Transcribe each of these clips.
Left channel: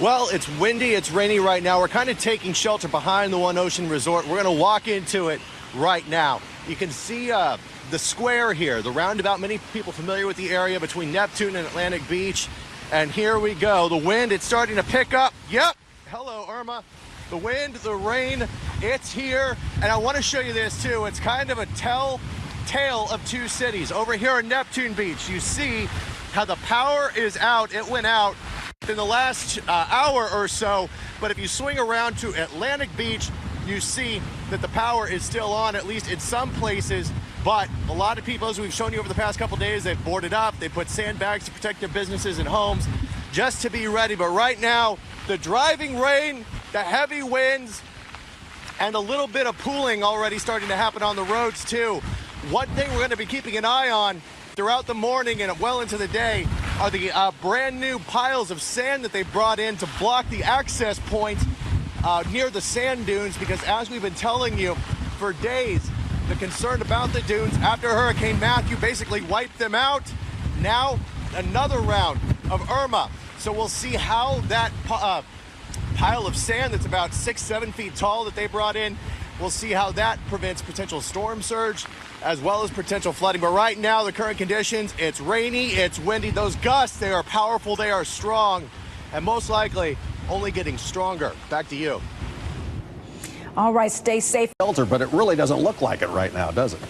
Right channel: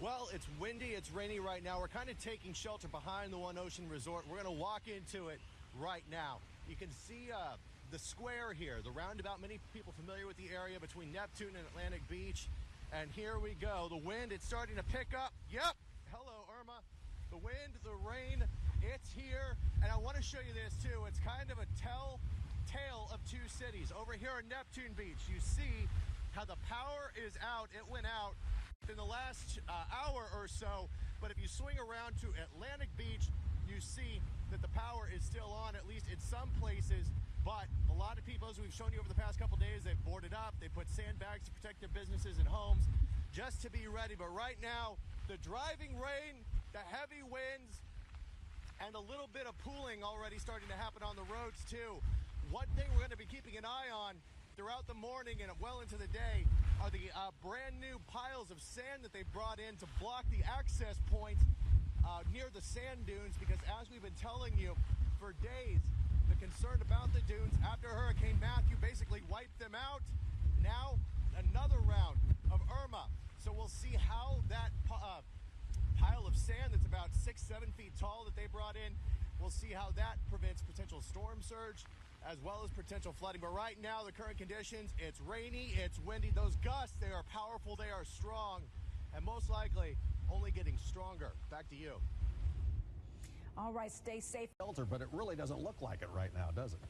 Well, it's windy, it's rainy right now. We're kind of taking shelter behind the One Ocean Resort. We're going to walk into it right now. You can see the square here, the roundabout. Many people familiar with the area between Neptune and Atlantic Beach. And here we go. The wind, it's starting to pick up. Yep. Hello, Irma. The wind, the rain, it's here. And I want to show you this too. It's kind of a tale of two cities. Over here on Neptune Beach, you see how the power is out. It went out in the last hour or so. But if you swing around to Atlantic Beach, you see that the power is still on, at least in some places. But a lot of people, as we've shown you over the past couple days, they've boarded up. They put sandbags to protect their businesses and homes just to be ready. But right now, the driving rain, the heavy winds, and a little bit of pooling already starting to happen on the roads too. One thing we're going to be keeping an eye on throughout the morning and well into the day are the brand new piles of sand that they brought in to block the access points near the sand dunes, because as we've been telling you for days, the concern about the dunes after Hurricane Matthew basically wiped them out. Now another round of Irma. So we'll see how that pile of sand that's about 6-7 feet tall that they brought in, we'll see how that prevents potential storm surge as well as potential flooding. But right now, the current conditions, it's rainy, it's windy. Those gusts, they are powerful, they are strong, and most likely only getting stronger. Back to you. All right, stay safe. Shelter, but it really doesn't look like it right now, does it?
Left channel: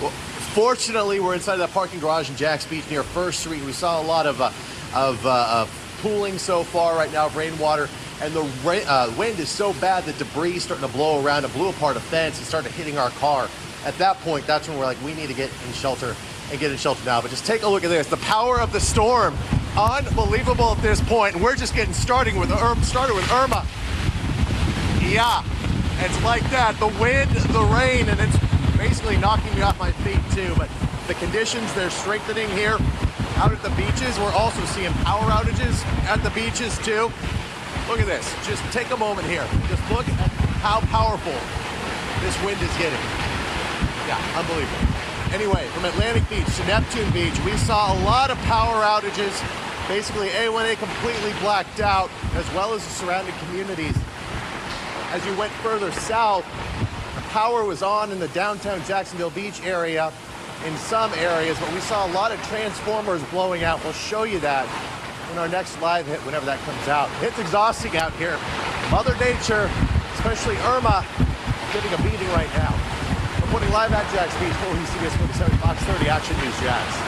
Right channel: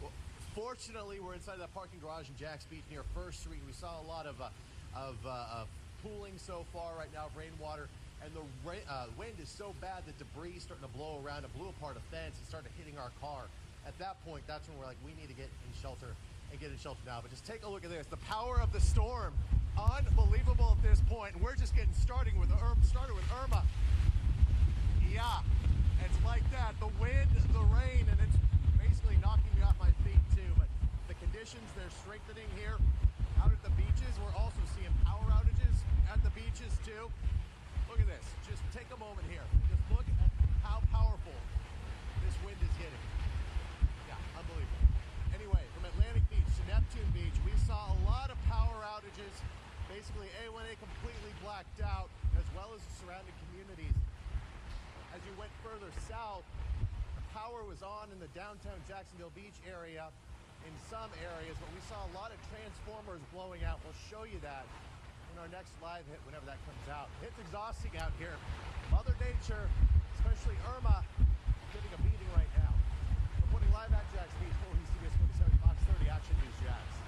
Well, fortunately, we're inside that parking garage in Jack's Beach near First Street. We saw a lot of pooling so far right now of rainwater, and the wind is so bad that debris is starting to blow around. It blew apart a fence and started hitting our car. At that point, that's when we're like, we need to get in shelter and get in shelter now. But just take a look at this. The power of the storm, unbelievable at this point. And we're just getting started with Irma. Yeah, it's like that. The wind, the rain, and it's basically knocking me off my feet too. But the conditions, they're strengthening here. Out at the beaches, we're also seeing power outages at the beaches too. Look at this. Just take a moment here. Just look at how powerful this wind is getting. Yeah, unbelievable. Anyway, from Atlantic Beach to Neptune Beach, we saw a lot of power outages. Basically, A1A completely blacked out, as well as the surrounding communities. As you went further south, the power was on in the downtown Jacksonville Beach area in some areas, but we saw a lot of transformers blowing out. We'll show you that in our next live hit whenever that comes out. It's exhausting out here. Mother Nature, especially Irma, getting a beating right now. Reporting live at Jack's Beach, CBS 47 Fox 30 Action News, Jax.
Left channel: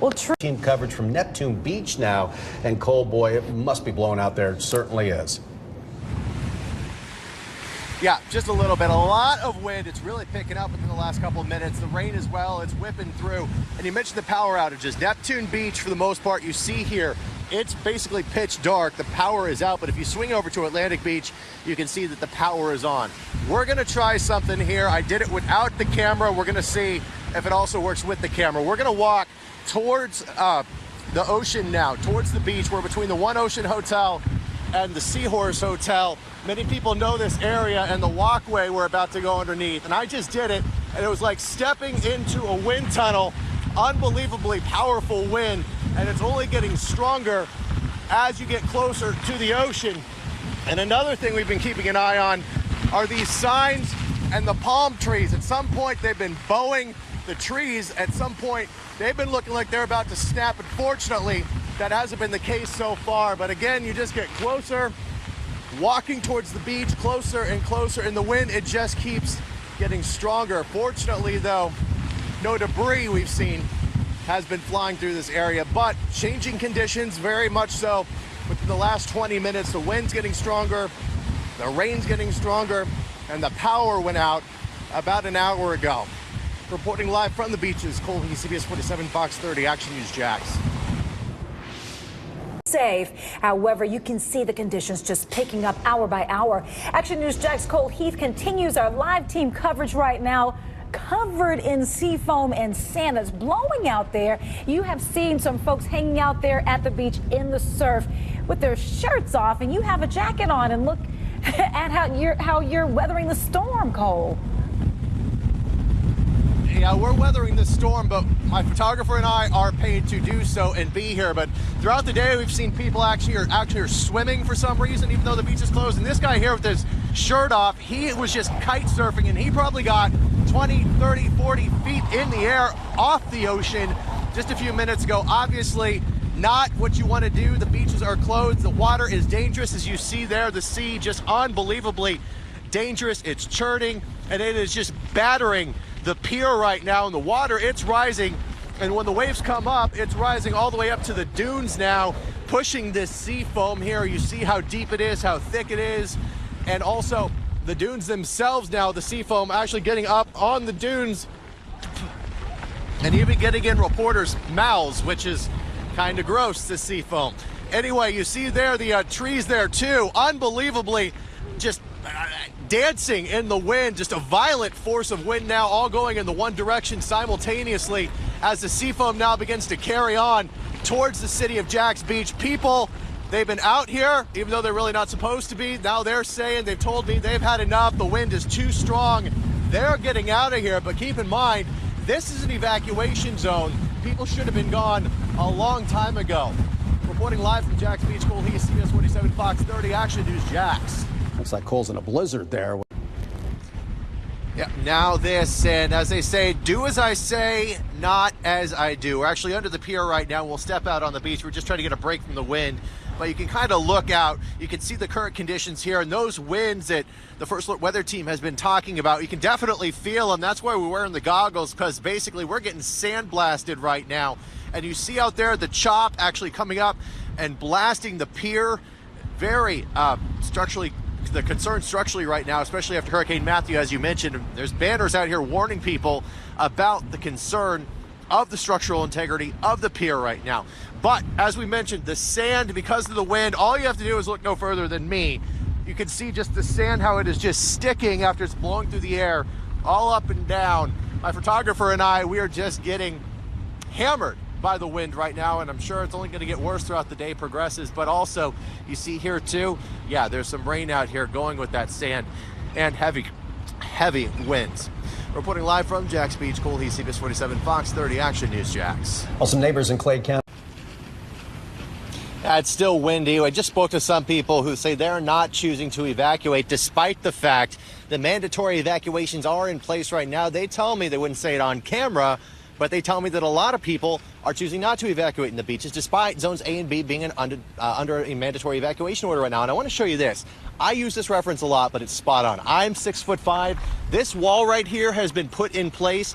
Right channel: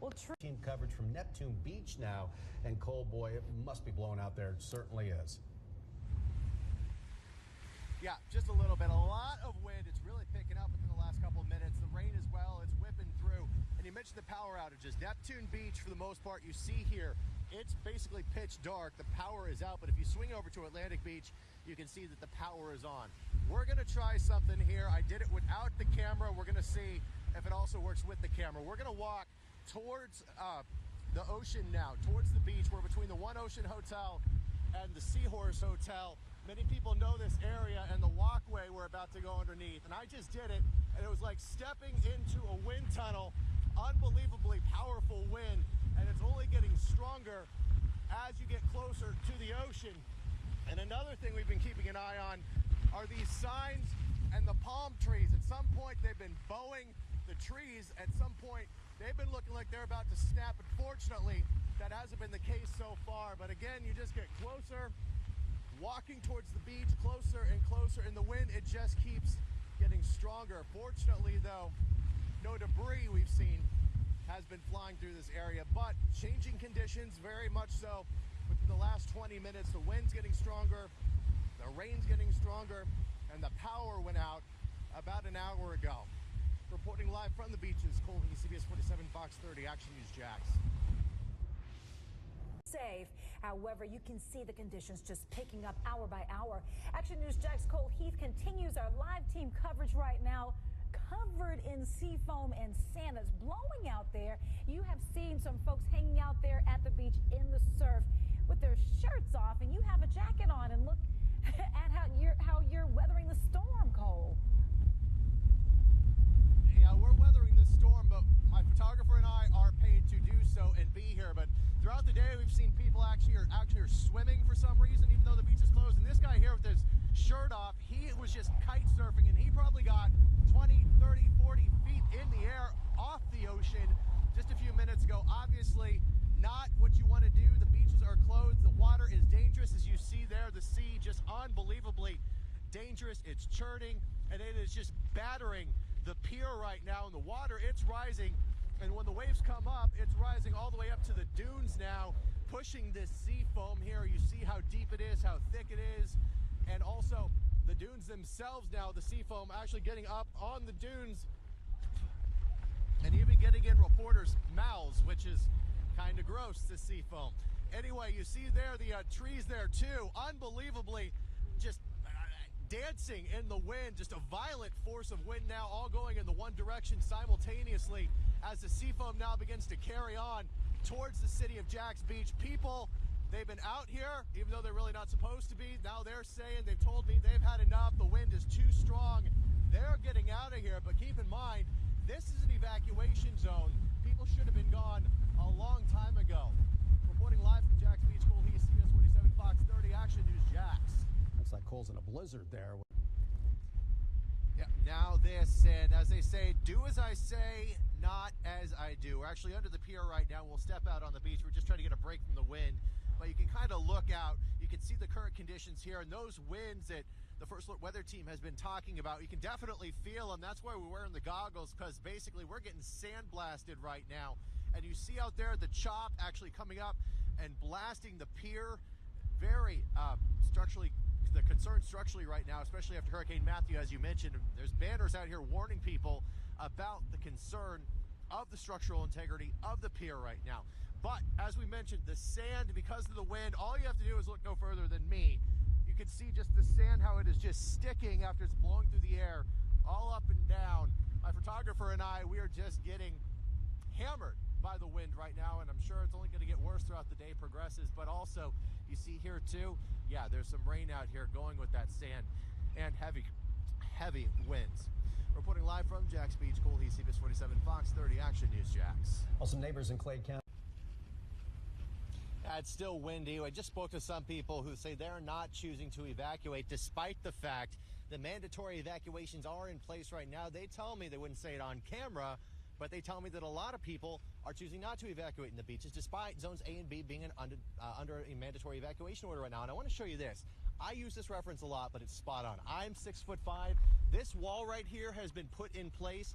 Well, team coverage from Neptune Beach now, and Cole, boy, it must be blowing out there. It certainly is. Yeah, just a little bit. A lot of wind. It's really picking up within the last couple of minutes. The rain as well, it's whipping through. And you mentioned the power outages. Neptune Beach, for the most part, you see here, it's basically pitch dark. The power is out, but if you swing over to Atlantic Beach, you can see that the power is on. We're gonna try something here. I did it without the camera. We're gonna see if it also works with the camera. We're gonna walk towards the ocean now, towards the beach. We're between the One Ocean Hotel and the Seahorse Hotel. Many people know this area and the walkway we're about to go underneath. And I just did it, and it was like stepping into a wind tunnel. Unbelievably powerful wind, and it's only getting stronger as you get closer to the ocean. And another thing we've been keeping an eye on are these signs and the palm trees. At some point, they've been bowing the trees. At some point, they've been looking like they're about to snap. Unfortunately, that hasn't been the case so far. But again, you just get closer, walking towards the beach, closer and closer, and the wind, it just keeps getting stronger. Fortunately, though, no debris we've seen has been flying through this area, but changing conditions very much so. Within the last 20 minutes, the wind's getting stronger, the rain's getting stronger, and the power went out about an hour ago. Reporting live from the beaches, Cole Heath, CBS 47 Fox 30 Action News, Jax. Safe. However, you can see the conditions just picking up hour by hour. Action News Jax Cole Heath continues our live team coverage right now. Covered in sea foam and sand that's blowing out there. You have seen some folks hanging out there at the beach in the surf with their shirts off, and you have a jacket on, and look at how you're weathering the storm, Cole. Yeah, we're weathering this storm, but my photographer and I are paid to do so and be here. But throughout the day, we've seen people actually are swimming for some reason, even though the beach is closed. And this guy here with his shirt off, he was just kite surfing, and he probably got 20, 30, 40 feet in the air off the ocean just a few minutes ago. Obviously, not what you want to do. The beaches are closed. The water is dangerous, as you see there. The sea just unbelievably dangerous. It's churning, and it is just battering the pier right now. And the water, it's rising, and when the waves come up, it's rising all the way up to the dunes now, pushing this sea foam here. You see how deep it is, how thick it is, and also the dunes themselves now, the sea foam actually getting up on the dunes and even getting in reporters' mouths, which is kind of gross, the sea foam. Anyway, you see there the trees there too, unbelievably just dancing in the wind, just a violent force of wind now, all going in the one direction simultaneously as the sea foam now begins to carry on towards the city of Jax Beach. People, they've been out here, even though they're really not supposed to be. Now they're saying, they've told me they've had enough. The wind is too strong. They're getting out of here, but keep in mind, this is an evacuation zone. People should have been gone a long time ago. Reporting live from Jax Beach, Cole Heath, CBS 47 Fox 30 Action News, Jax. Looks like Cole's in a blizzard there. Yep, now this, and as they say, do as I say, not as I do. We're actually under the pier right now. We'll step out on the beach. We're just trying to get a break from the wind, but you can kind of look out. You can see the current conditions here, and those winds that the First Alert Weather Team has been talking about, you can definitely feel them. That's why we're wearing the goggles, because basically we're getting sandblasted right now. And you see out there the chop actually coming up and blasting the pier. Very structurally, the concern structurally right now, especially after Hurricane Matthew, as you mentioned. There's banners out here warning people about the concern of the structural integrity of the pier right now. But as we mentioned, the sand, because of the wind, all you have to do is look no further than me. You can see just the sand, how it is just sticking after it's blowing through the air, all up and down. My photographer and I, we are just getting hammered by the wind right now, and I'm sure it's only going to get worse throughout the day progresses. But also, you see here too, yeah, there's some rain out here going with that sand and heavy winds. Reporting live from Jax Beach, Cole Heath, CBS 47 Fox 30 Action News, Jax. Well, some neighbors in Clay County. It's still windy. I just spoke to some people who say they're not choosing to evacuate, despite the fact that mandatory evacuations are in place right now. They tell me, they wouldn't say it on camera, but they tell me that a lot of people are choosing not to evacuate in the beaches, despite zones A and B being under a mandatory evacuation order right now. And I want to show you this. I use this reference a lot, but it's spot on. I'm 6'5". This wall right here has been put in place,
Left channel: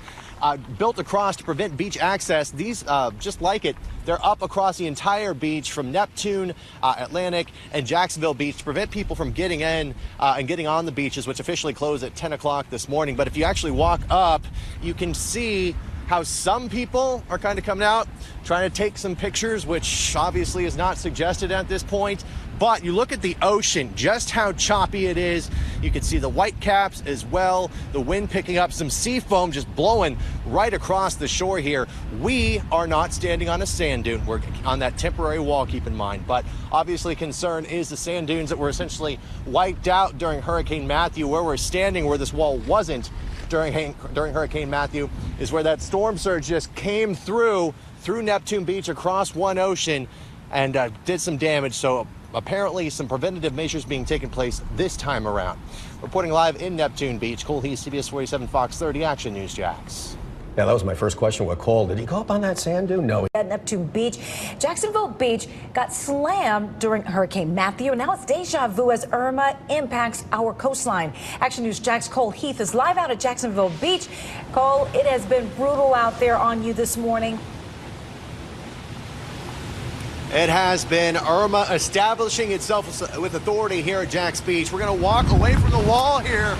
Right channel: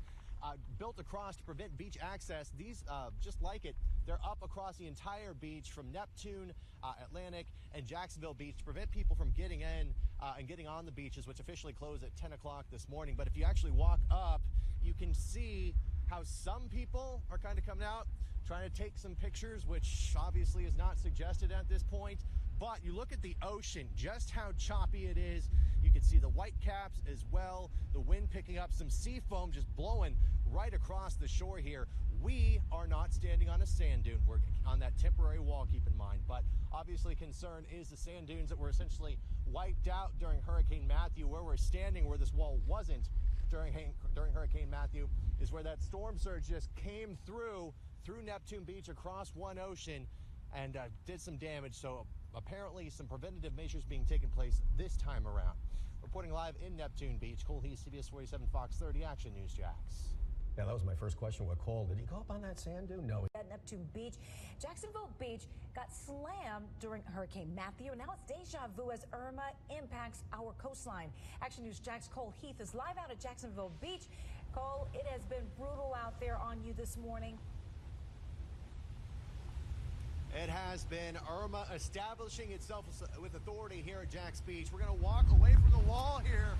built across to prevent beach access. These, just like it, they're up across the entire beach from Neptune, Atlantic, and Jacksonville Beach to prevent people from getting in and getting on the beaches, which officially closed at 10 o'clock this morning. But if you actually walk up, you can see how some people are kind of coming out, trying to take some pictures, which obviously is not suggested at this point. But you look at the ocean, just how choppy it is. You can see the white caps as well, the wind picking up, some sea foam just blowing right across the shore here. We are not standing on a sand dune. We're on that temporary wall, keep in mind. But obviously concern is the sand dunes that were essentially wiped out during Hurricane Matthew. Where we're standing, where this wall wasn't during Hurricane Matthew, is where that storm surge just came through Neptune Beach across one ocean and did some damage. So apparently some preventative measures being taken place this time around. Reporting live in Neptune Beach, Cole Heath, CBS 47 Fox 30 Action News, Jax. Yeah, that was my first question with Cole. Did he go up on that sand dune? No. At Neptune Beach, Jacksonville Beach got slammed during Hurricane Matthew, and now it's deja vu as Irma impacts our coastline. Action News Jax Cole Heath is live out at Jacksonville Beach. Cole, it has been brutal out there on you this morning. It has been Irma establishing itself with authority here at Jax Beach. We're going to walk away from the wall here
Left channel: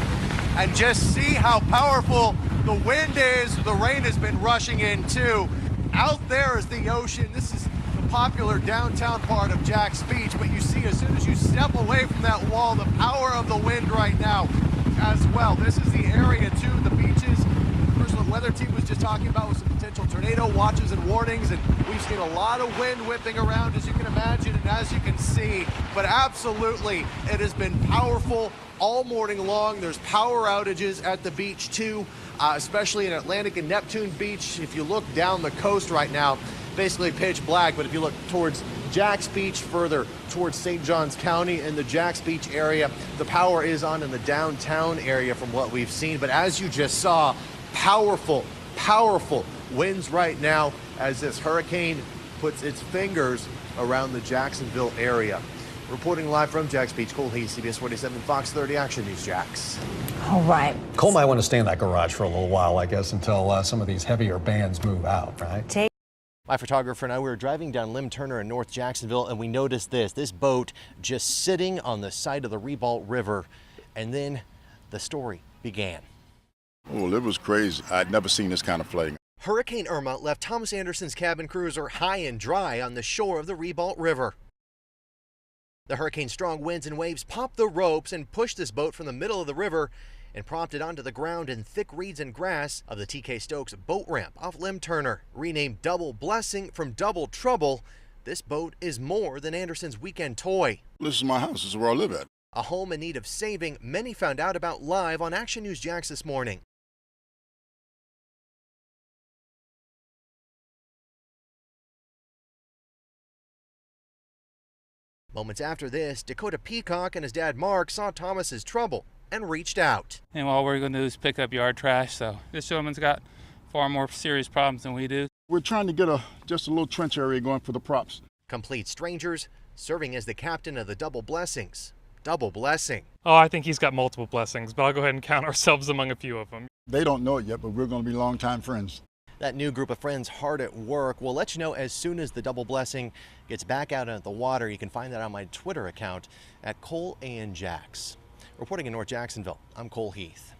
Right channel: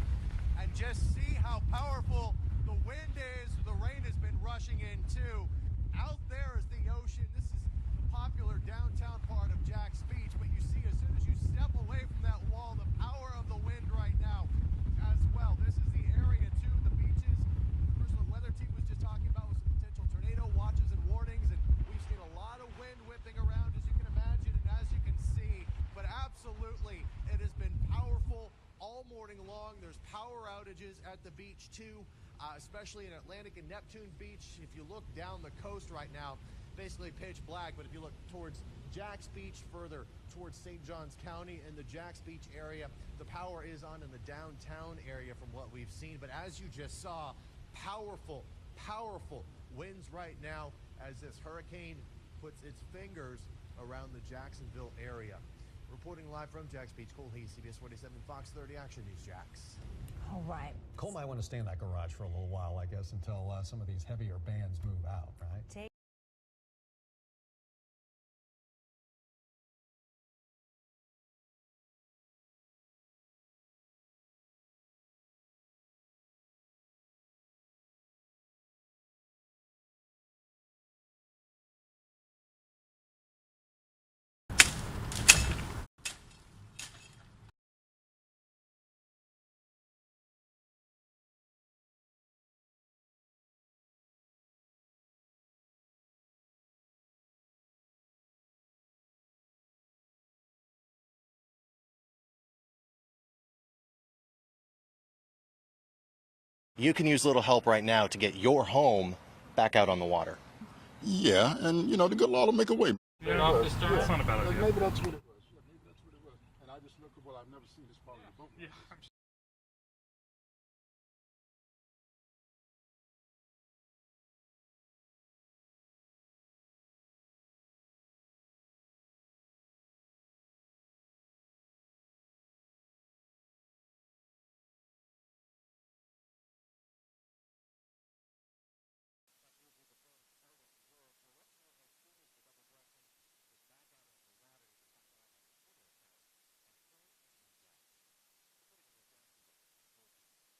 and just see how powerful the wind is. The rain has been rushing in too. Out there is the ocean. This is the popular downtown part of Jax Beach, but you see as soon as you step away from that wall, the power of the wind right now as well. This is the area too, the beaches. The First Alert Weather Team was just talking about with some potential tornado watches and warnings, and we've seen a lot of wind whipping around, as you can imagine and as you can see. But absolutely, it has been powerful all morning long. There's power outages at the beach too. especially in Atlantic and Neptune Beach. If you look down the coast right now, basically pitch black, but if you look towards Jax Beach, further towards St. Johns County in the Jax Beach area, the power is on in the downtown area from what we've seen. But as you just saw, powerful winds right now as this hurricane puts its fingers around the Jacksonville area. Reporting live from Jax Beach, Cole Heath, CBS 47 Fox 30 Action News, Jax. All right. Cole might want to stay in that garage for a little while, I guess, until some of these heavier bands move out, right? My photographer and I, we were driving down Lim Turner in North Jacksonville, and we noticed this boat just sitting on the side of the Ribault River. And then the story began. Well, it was crazy. I'd never seen this kind of flooding. Hurricane Irma left Thomas Anderson's cabin cruiser high and dry on the shore of the Ribault River. The hurricane's strong winds and waves popped the ropes and pushed this boat from the middle of the river and propped it onto the ground in thick reeds and grass of the TK Stokes boat ramp off Lim Turner. Renamed Double Blessing from Double Trouble, this boat is more than Anderson's weekend toy. This is my house. This is where I live at. A home in need of saving, many found out about live on Action News Jax this morning. You can use a little help right now to get your home back out on the water. Yeah, and the good Lord will make a way. Moments after this, Dakota Peacock and his dad Mark saw Thomas's trouble and reached out. And all we're going to do is pick up yard trash, so this gentleman's got far more serious problems than we do. We're trying to get just a little trench area going for the props. Complete strangers serving as the captain of the Double Blessings. Double blessing. Oh, I think he's got multiple blessings, but I'll go ahead and count ourselves among a few of them. They don't know it yet, but we're going to be longtime friends. That new group of friends hard at work. We'll let you know as soon as the Double Blessing gets back out into the water. You can find that on my Twitter account at Cole and Jax. Reporting in North Jacksonville, I'm Cole Heath.